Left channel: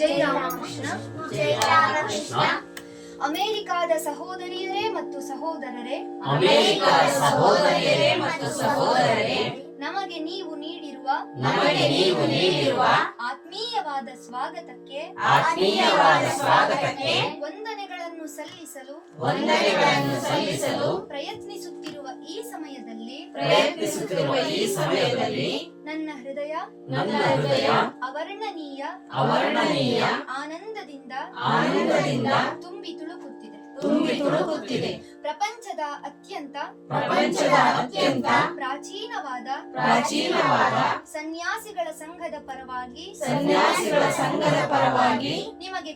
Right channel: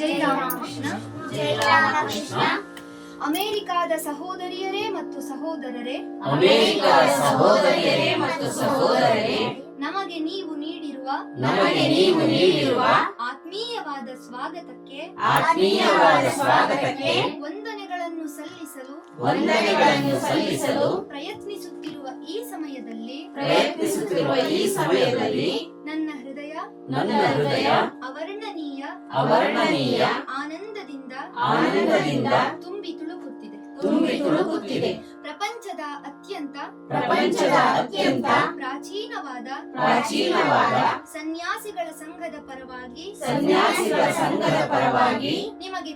ಜೈ ರಾಮಕೃಷ್ಣ. ಜೈ ರಾಮಕೃಷ್ಣ. ಅಮೆರಿಕಾದ ಸಹೋದರಿಯರೇ ಮತ್ತು ಸಹೋದರರೇ, ಅಮೆರಿಕದ ಸಹೋದರಿಯರೇ ಮತ್ತು ಸಹೋದರರೇ, ನಮಗೆ ನೀವು ನೀಡಿರುವ ಆತ್ಮೀಯವಾದ ಸ್ವಾಗತಕ್ಕೆ ವಂದನೆಗಳನ್ನು ಸಲ್ಲಿಸಲು ಪ್ರಯತ್ನಿಸುತ್ತಿರುವ ಈ ಸಮಯದಲ್ಲಿ ನನ್ನ ಹೃದಯ ಅವರ್ಣನೀಯ ಆನಂದದಿಂದ ತುಂಬಿ ತುಳುಕುತ್ತಿದೆ. ಪ್ರಪಂಚದ ಅತ್ಯಂತ ಪ್ರಾಚೀನವಾದ ಸನ್ಯಾಸಿಗಳ ಸಂಘದ ಪರವಾಗಿ ನಿಮಗೆ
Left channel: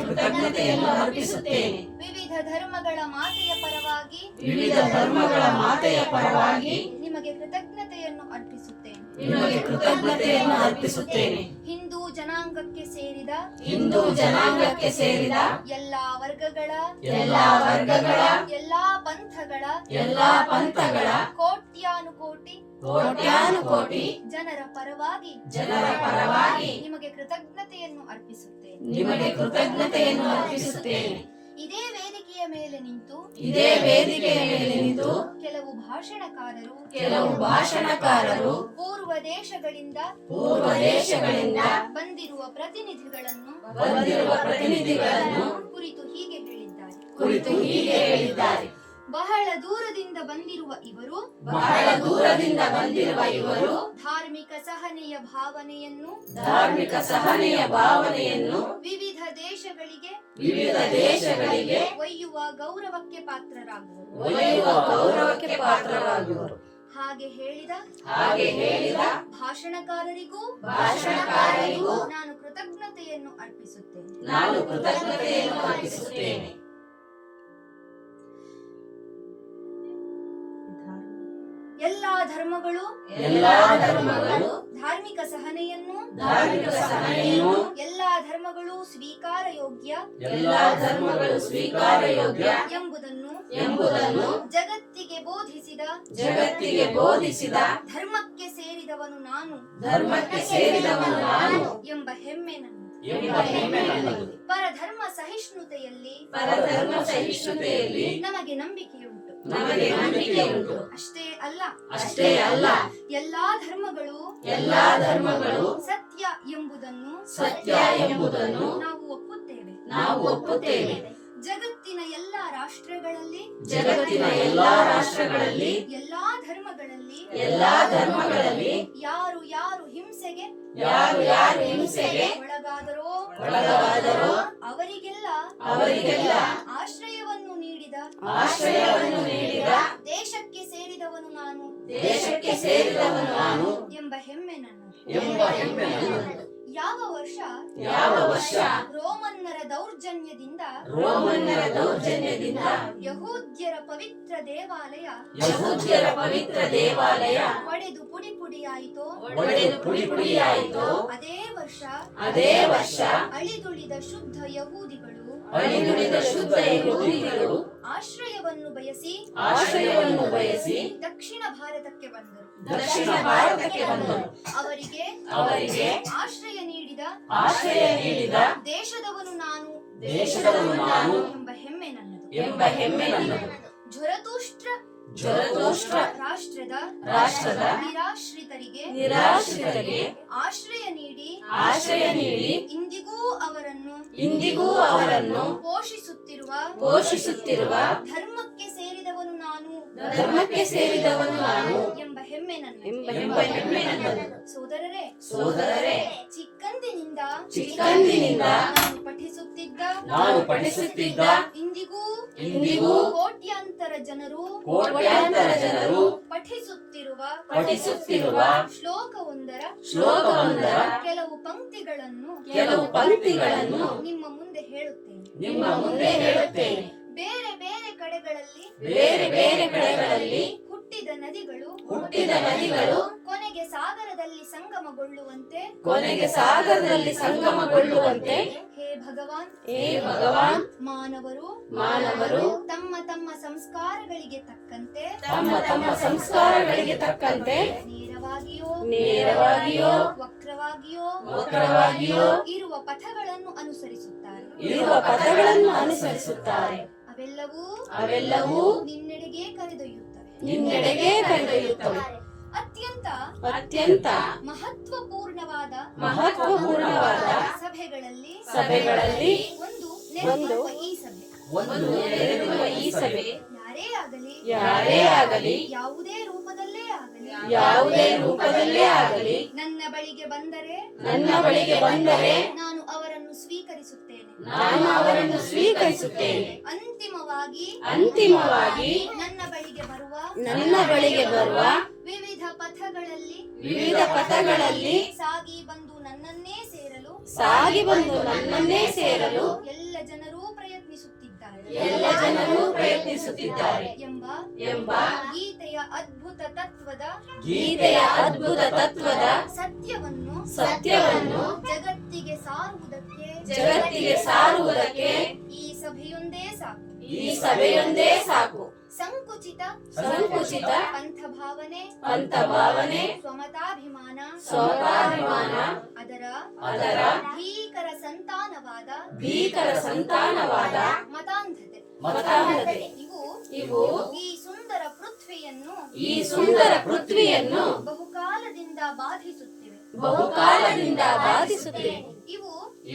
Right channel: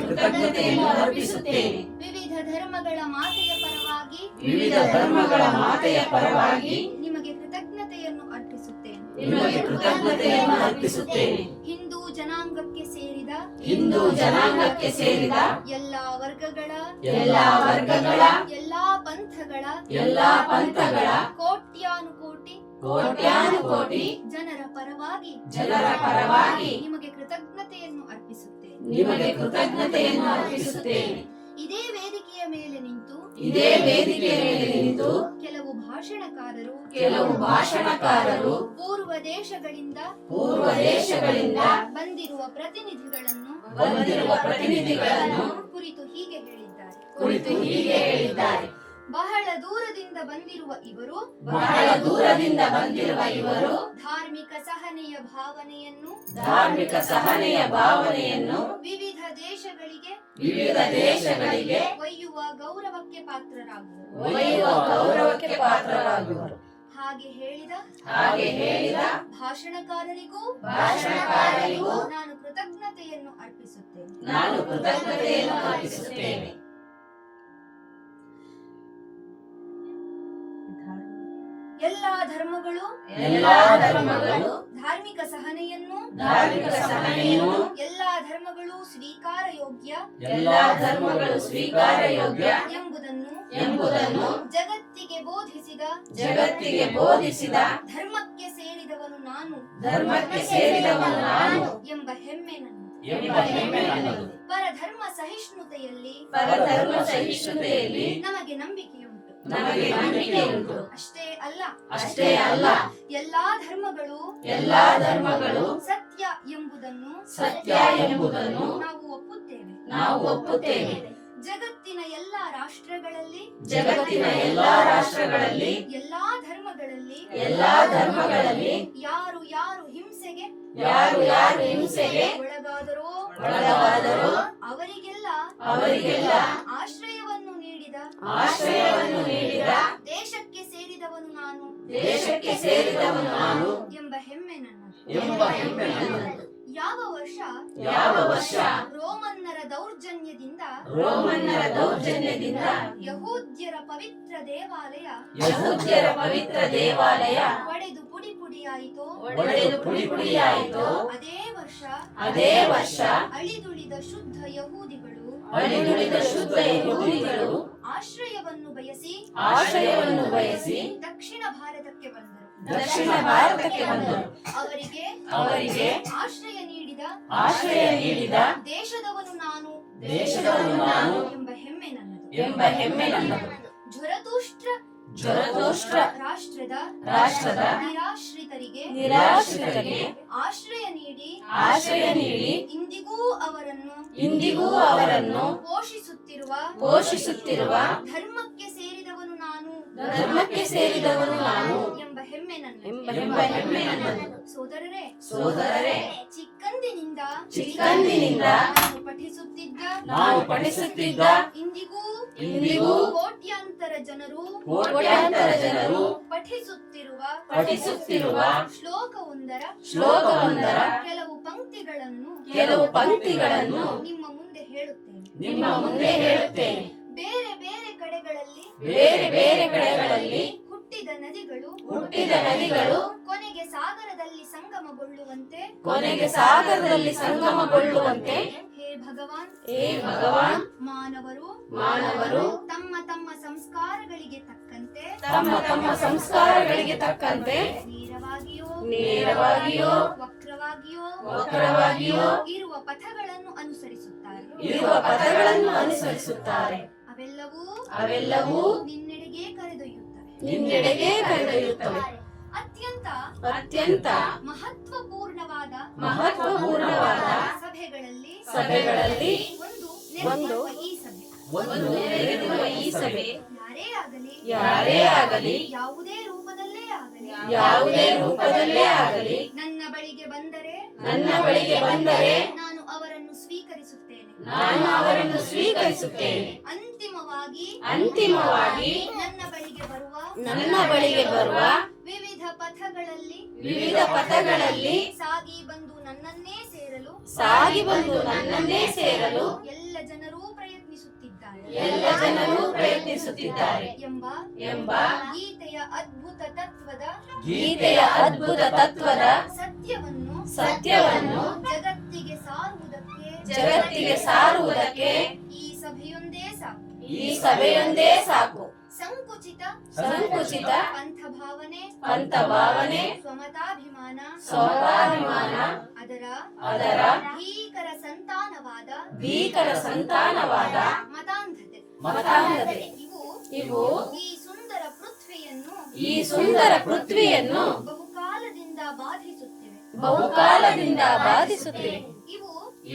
ಕೃತಜ್ಞತೆಯನ್ನು ಅರ್ಪಿಸುತ್ತೇನೆ. ವಿವಿಧ ಧರ್ಮಗಳ ಮಾತೆಯ ಪರವಾಗಿ ನಿಮಗೆ ಕೃತಜ್ಞತೆಯನ್ನು ಅರ್ಪಿಸುತ್ತೇನೆ. ಹಿಂದೂ ಜನಾಂಗಕ್ಕೆ ಸೇರಿದ ಎಲ್ಲಾ ವರ್ಗಗಳ ಎಲ್ಲಾ ಪಂಥಗಳ ಕೋಟ್ಯಾನುಕೋಟಿ ಜನರ ಪರವಾಗಿ ನಿಮಗೆ ಕೃತಜ್ಞತೆಯನ್ನು ಅರ್ಪಿಸುತ್ತೇನೆ. ಇದೇ ವೇದಿಕೆಯ ಮೇಲೆ ನಿಂತು ಕೆಲವು ಭಾಷಣಕಾರರು ಪೂರ್ವ ದೇಶಗಳಿಂದ ಬಂದಿರುವ ಪ್ರತಿನಿಧಿಗಳನ್ನು ಕುರಿತು ಹೀಗೆ ಹೇಳಿದ್ದಾರೆ. ಬಹಳ ದೂರದಿಂದ ಬಂದಿರುವ ಇವರು ಧಾರ್ಮಿಕ ಸಹನೆಯ ಭಾವನೆಯನ್ನು ವಿವಿಧ ದೇಶಗಳಿಗೆ ಒಯ್ಯುವ ಗೌರವಕ್ಕೆ ಪಾತ್ರರಾಗುವರು. ಹಾಗೆ ಹೇಳಿದ ಭಾಷಣಕಾರರಿಗೂ ನಾನು ಕೃತಜ್ಞತೆಯನ್ನು ಅರ್ಪಿಸುತ್ತೇನೆ. ಎಲ್ಲಾ ಧರ್ಮಗಳು ಧಾರ್ಮಿಕ ಸಹನೆಯನ್ನು ಎಲ್ಲಾ ಧರ್ಮಗಳು ಸ್ವೀಕಾರ ಯೋಗ್ಯ ಎಂಬುದನ್ನು ಜಗತ್ತಿಗೆ ಬೋಧಿಸಿದ ಧರ್ಮಕ್ಕೆ ಸೇರಿದವನು ನಾನು ಎಂಬ ಹೆಮ್ಮೆ ನನ್ನದು. ಪರಧರ್ಮ ಸಹಿಷ್ಣುತೆಯಲ್ಲಿ ನಮಗೆ ನಂಬಿಕೆಯುಂಟು. ಅಷ್ಟೇ ಅಲ್ಲ ಎಲ್ಲಾ ಧರ್ಮಗಳು ಸತ್ಯ ಎಂಬುದನ್ನು ನಾವು ಒಪ್ಪುತ್ತೇವೆ. ಜಗತ್ತಿನ ಎಲ್ಲಾ ರಾಷ್ಟ್ರಗಳಲ್ಲಿ ಎಲ್ಲಾ ಧರ್ಮಗಳಲ್ಲಿ ಯಾರು ಹಿಂಸೆಗೆ ಒಳಗಾದರೋ ಅವರಿಗೆಲ್ಲ ಆಶ್ರಯವನ್ನು ನೀಡಿದ ದೇಶಕ್ಕೆ ಸೇರಿದವನು ನಾನು ಎಂಬ ಹೆಮ್ಮೆ ನನ್ನದು. ಯಾವ ವರ್ಷ ರೋಮನ್ನರ ದೌರ್ಜನ್ಯದಿಂದ ಯಹೂದ್ಯರ ಪವಿತ್ರ ದೇವಾಲಯ ಒಡೆದು ಪುಡಿ ಪುಡಿಯಾಯಿತೋ ಅದೇ ವರ್ಷ ಅಳಿದುಳಿದ ಶುದ್ಧ ಯಹೂದಿಗಳು ಆಶ್ರಯವನ್ನು ಬಯಸಿ ದಕ್ಷಿಣ ಭಾರತಕ್ಕೆ ಬಂದರು. ಅವರಿಗೆ ಆಶ್ರಯ ನೀಡಿದ ದೇಶದವನು ನಾನು ಎಂಬ ಹೆಮ್ಮೆ ನನ್ನದು. ಝರತುಷ್ಟ್ರ ರಾಷ್ಟ್ರದ ನಿರಾಶ್ರಿತರಿಗೆ ಆಶ್ರಯ ನೀಡಿ ಇಂದಿಗೂ ಅವರನ್ನು ಪೋಷಿಸುತ್ತಿರುವ ಧರ್ಮಕ್ಕೆ ಸೇರಿದವನು ನಾನು ಎಂಬ ಹೆಮ್ಮೆ ನನ್ನದು. ಸೋದರರೇ, ಚಿಕ್ಕಂದಿನಿಂದ ನಾನು ಪಠಿಸುತ್ತಿದ್ದ ಇಂದಿಗೂ ಕೋಟ್ಯಾಂತರ ಜನರು ಪಠಿಸುತ್ತಿರುವ ಶ್ಲೋಕವೊಂದರ ಕೆಲವು ಪಂಕ್ತಿಗಳನ್ನು ನಿಮ್ಮ ಮುಂದೆ ಹೇಳುತ್ತೇನೆ. ಬೇರೆ ಬೇರೆ ಕಡೆಗಳಲ್ಲಿ ಹುಟ್ಟಿದ ನದಿಗಳು ಕೊನೆಗೆ ಸಾಗರದಲ್ಲಿ ಸಂಗಮಗೊಳ್ಳುವಂತೆ ಹೇ ಭಗವಾನ್ ಮಾನವರು ತಮ್ಮ ಸಂಸ್ಕಾರಗಳಿಗೆ ತಕ್ಕಂತೆ ತಮ್ಮ ಸಂಸ್ಕಾರಗಳಿಗೆ ತಕ್ಕಂತೆ ನೇರವಾಗಿಯೋ ವಕ್ರವಾಗಿಯೋ ಇರುವ ಪಥಗಳನ್ನು ಅನುಸರಿಸುತ್ತಾರೆ. ಅವೆಲ್ಲವೂ ನಿನ್ನೆಡೆಗೆ ಕರೆದೊಯ್ಯುತ್ತವೆ. ಅತ್ಯಂತ ಮಹತ್ವಪೂರ್ಣವಾದ ಸಭೆಗಳಲ್ಲಿ ಒಂದು ನೆರೆದಿರುವ ಈ ಸಭೆ ಯಾರೇ ಆಗಲಿ ಯಾವುದೇ ರೂಪದಲ್ಲೇ ಆಗಲಿ ನನ್ನ ಬಳಿಗೆ ಬಂದರೆ ನಾನು ಅವರನ್ನು ಸ್ವೀಕರಿಸುತ್ತೇನೆ. ಅಂತಿಮವಾಗಿ ನನ್ನ ಬಳಿಗೆ ಬರುವ ವಿವಿಧ ಪಥಗಳಲ್ಲಿ ಸಾಗಿ ಬಂದು ನನ್ನನ್ನೇ ಸೇರಲು ಎಲ್ಲ ಜನರೂ ಪ್ರಯತ್ನಿಸುತ್ತಿದ್ದಾರೆ ಎಂಬ ಗೀತೆಯ ಅದ್ಭುತ ತತ್ವದ ಸತ್ಯವನ್ನು ಜಗತ್ತಿಗೆ ಸಾರುವುದಕ್ಕೆ ಈ ಸಭೆಯೊಂದೇ ಸಾಕು. ಸಂಕುಚಿತ ಪಂಥಭಾವನೆ ಸ್ವಮತಾಭಿಮಾನ ಅದರ ಭೀಕರ ಸಂತಾನವಾದ ಮತಾಂಧತೆ ಇವು ಈ ಸುಂದರ ಪೃಥ್ವಿಯನ್ನು ಬಹುಕಾಲದಿಂದ ಬಾಧಿಸುತ್ತಿವೆ.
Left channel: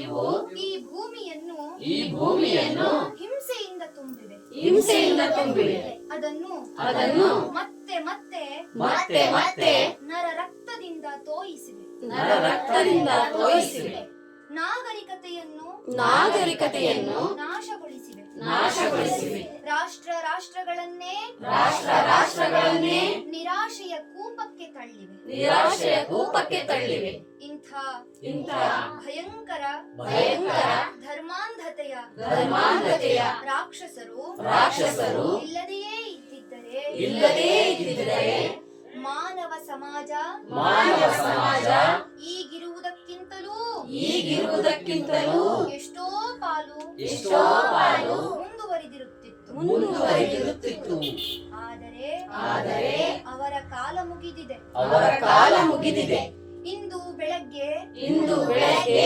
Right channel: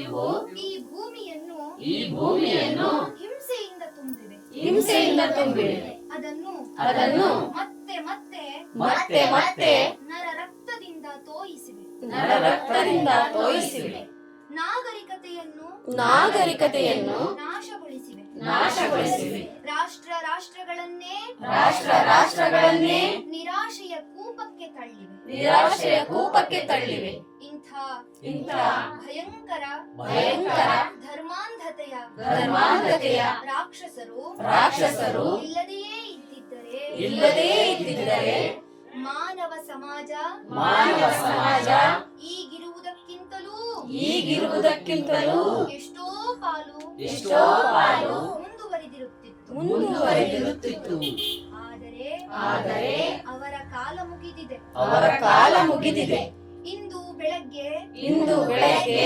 ಇವು ಈ ಭೂಮಿಯನ್ನು ಹಿಂಸೆಯಿಂದ ತುಂಬಿವೆ. ಅದನ್ನು ಮತ್ತೆ ನರ ರಕ್ತದಿಂದ ತೋಯಿಸಿವೆ. ನಾಗರಿಕತೆಯನ್ನು ನಾಶಗೊಳಿಸಿವೆ. ರಾಷ್ಟ್ರಗಳನ್ನೇ ನಿರಾಶೆಯ ಕೂಪಕ್ಕೆ ತಳ್ಳಿವೆ. ಇಂಥ ಭಯಂಕರ ಧರ್ಮಾಂಧತೆಯ ರಾಕ್ಷಸರು ಇಲ್ಲದೇ ಇದ್ದಿದ್ದರೆ ಮಾನವ ಸಮಾಜ ಈಗಿರುವುದಕ್ಕಿಂತಲೂ ಎಷ್ಟೋ ಪಾಲು ಮುಂದುವರಿದಿರುತ್ತಿತ್ತು. ಆದರೆ ಅವರ ಕಾಲ ಮುಗಿದಿದೆ. ಇಂದು ಬೆಳಗ್ಗೆ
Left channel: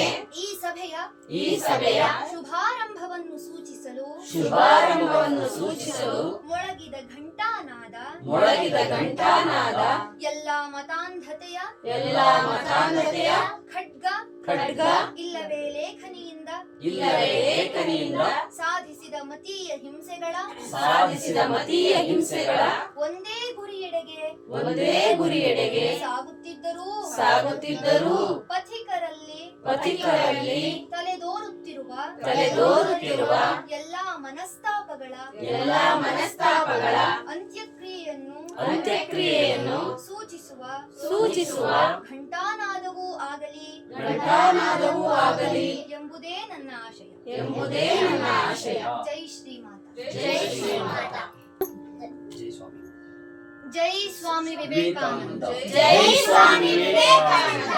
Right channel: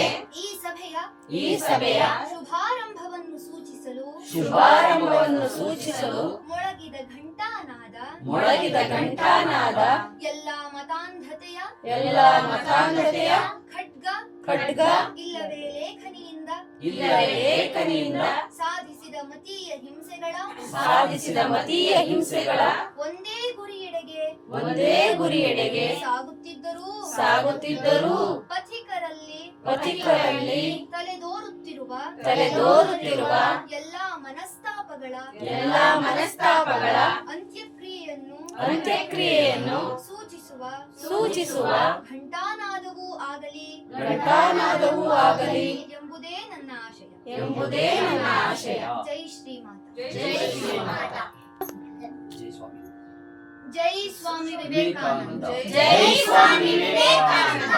ಈ ಸಭೆಯ ಶುಭಾರಂಭವನ್ನು ಸೂಚಿಸಲು ಮೊಳಗಿದ ಘಂಟಾನಾದ ಎಲ್ಲ ಮತಾಂಧತೆಯ ಖಡ್ಗ ಇಲ್ಲವೇ ಲೇಖನಿಯಿಂದ ಸಾಧಿಸಿದ ಮತೀಯ ಹಿಂಸೆಗಳ ಒಂದೇ ಗುರಿಯೆಡೆಗೆ ಸಾಗುತ್ತಿದ್ದರೂ ಪಥಿಕರಲ್ಲಿ ತಲೆದೋರುತ್ತಿರುವ ಎಲ್ಲಾ ಮನಸ್ತಾಪಗಳ ಅಂತ್ಯಕ್ರಿಯೆಯನ್ನು ಸೂಚಿಸುವ ಘಂಟಾನಾದವೂ ಆಗಲಿ ಎಂಬುದೇ ನನ್ನ ಆಶಯ. ಜೈ ಶ್ರೀಮಾತಾ. ಜೈ ಸ್ವಾಮಿ ವಿವೇಕಾನಂದ.